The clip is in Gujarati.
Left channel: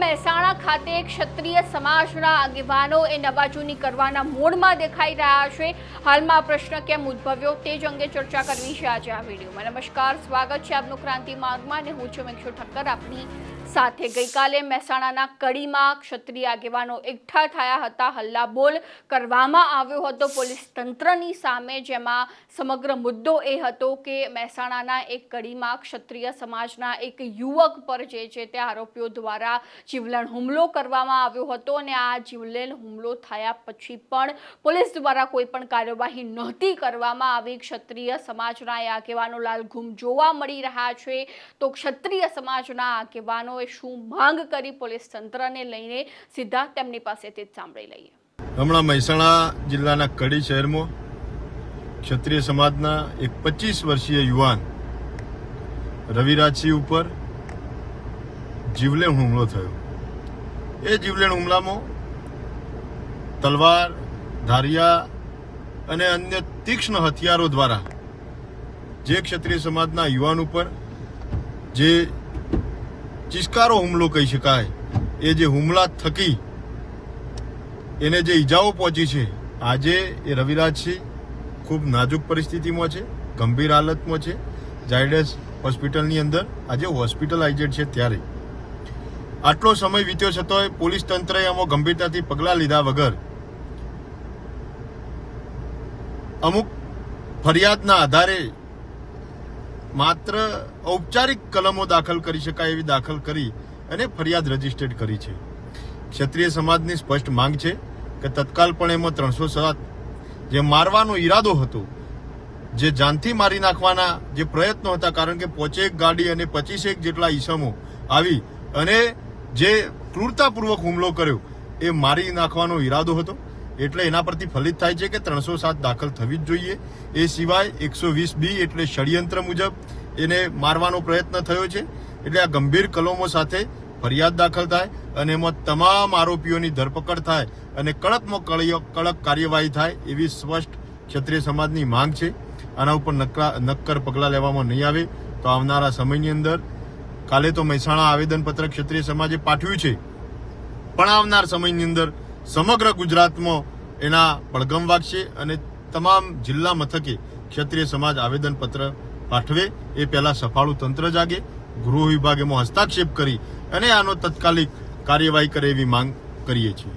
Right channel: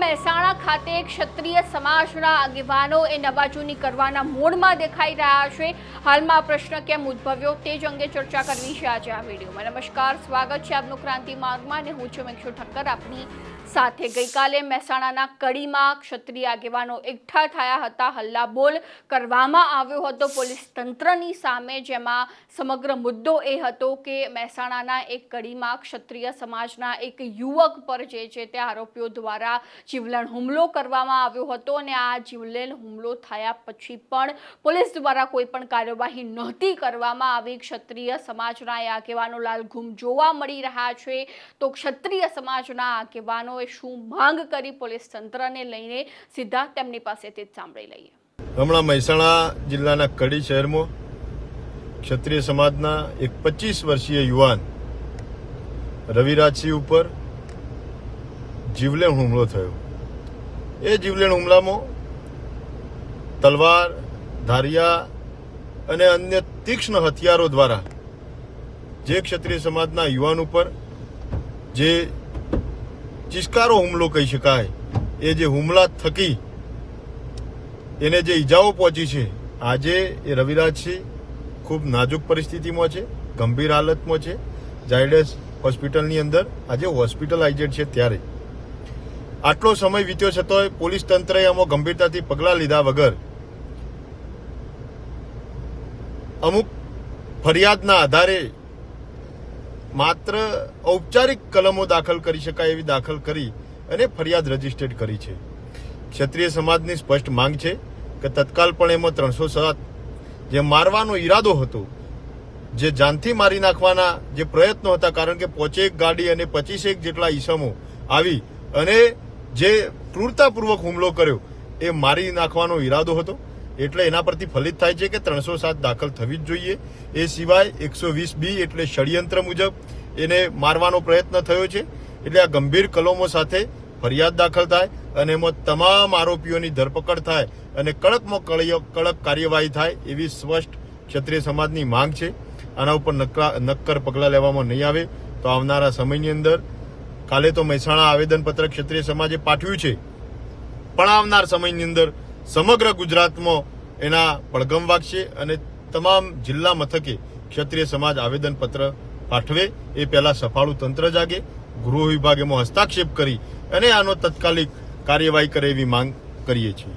મહેસાણા ખાતે ક્ષત્રિય સમાજના આગેવાનો નવા જૂની કરવાના મૂડમાં દેખાઈ રહ્યા છે। હાલમાં પ્રશ્ન કેમ ઉદ્ભવ્યો તે જ અંગે ચર્ચા કરવી છે આજે આ વિડીયોમાં। નમસ્કાર, સ્વાગત છે આપનું ક્રાંતિ માર્ગમાં અને હું છું મેક્ષુ ઠક્કર આપની સાથે। ગઈકાલે મહેસાણાના કડીમાં ક્ષત્રિય આગેવાનો એકઠા થયા હતા, હલ્લાબોલ કરવામાં આવ્યો હતો પોલીસ તંત્રની સામે, જેમાં સમગ્ર મુદ્દો એ હતો કે મહેસાણાના એક કડીમાં ક્ષત્રિય સમાજના એક યુવક પર જે છે તે આરોપીઓ દ્વારા જીવલેણ હુમલો કરવામાં આવ્યો હતો અને આ જીવલેણ હુમલો થયા પછી પણ પોલીસ દ્વારા કોઈ પણ કાર્યવાહી નહોતી કરવામાં આવી। ક્ષત્રિય સમાજના આગેવાનો લાલઘૂમ જોવા મળી રહ્યા છે। તો ક્ષત્રિય સમાજના આગેવાનો શું માંગ કરી પોલીસ તંત્રને લઈને, સીધા તેમની પાસેથી જ સાંભળી લઈએ। હમણાં મહેસાણા જિલ્લાના કડી શહેરમાં ક્ષત્રિય સમાજના એક 25 વર્ષીય યુવાન રવિરાજસિંહ ઉપર જીવલેણ હુમલો થયો। એ જીવલેણ હુમલામાં તલવાર, ધારિયા અને અન્ય તીક્ષ્ણ હથિયારો દ્વારા જે ક્ષત્રિય સમાજના યુવાન ઉપર જે ચિસ્કારો હુમલો કહી શકાય, એ જે હુમલા થકી એને જે ઈજાઓ પહોંચી છે, આજે એ રવિરાજસિંહ ખૂબ નાજુક પરિસ્થિતિમાં છે, ગંભીર હાલતમાં છે, ઝાયડસ હોસ્પિટલની અંદર આજે હોસ્પિટલાઇઝેડ છે। ત્યારે આટલો સમય વીત્યો છતાંય પોલીસ તંત્રએ આમાં ગંભીરતાથી પગલાં લીધા વગર અમુક ફરિયાદના આધારે માત્ર ઔપચારિક કલમો દાખલ કરી શકાય એવી દાખલ કરી અને ફરિયાદ રજીસ્ટર્ડ કરી છે। ક્ષત્રિય સમાજની સ્પષ્ટ માંગ છે કે તત્કાલપણે એમાં 307 જે મારવાનો ઈરાદો હતો, જે જાનથી મારી નાખવાના જે પ્રયત્નો હતા, કારણ કે 5 ગાડી અને 25 જેટલા ઈસમો આવી અને જે ક્રૂરતાપૂર્વક હુમલો કર્યો એ મારી નાખવાનો ઈરાદો હતો, એટલે એના પરથી ફલિત થાય છે કે 307 દાખલ થવી જ જોઈએ। એ સિવાય 120B એટલે ષડયંત્ર મુજબ એને મારવાનો પ્રયત્ન થયો છે, એટલે આ ગંભીર કલમો સાથે ફરિયાદ દાખલ થાય અને એમાં તમામ આરોપીઓની ધરપકડ થાય અને કડકમાં કડક કાર્યવાહી થાય એવી સ્પષ્ટ ક્ષત્રિય સમાજની માંગ છે। આના ઉપર નક્કર પગલાં લેવામાં નહીં આવે તો આવનારા સમયની અંદર, કાલે તો મહેસાણા આવેદનપત્ર ક્ષત્રિય સમાજે પાઠવ્યું છે, પણ આવનાર સમયની અંદર સમગ્ર ગુજરાતમાં એના પડઘમ વાગશે અને તમામ જિલ્લા મથકે ક્ષત્રિય સમાજ આવેદનપત્ર પાઠવે એ પહેલા સફાળું તંત્ર જાગે, ગૃહ વિભાગ એમાં હસ્તાક્ષેપ કરી અને આનો તાત્કાલિક કાર્યવાહી કરે એવી માંગ કરીએ છીએ।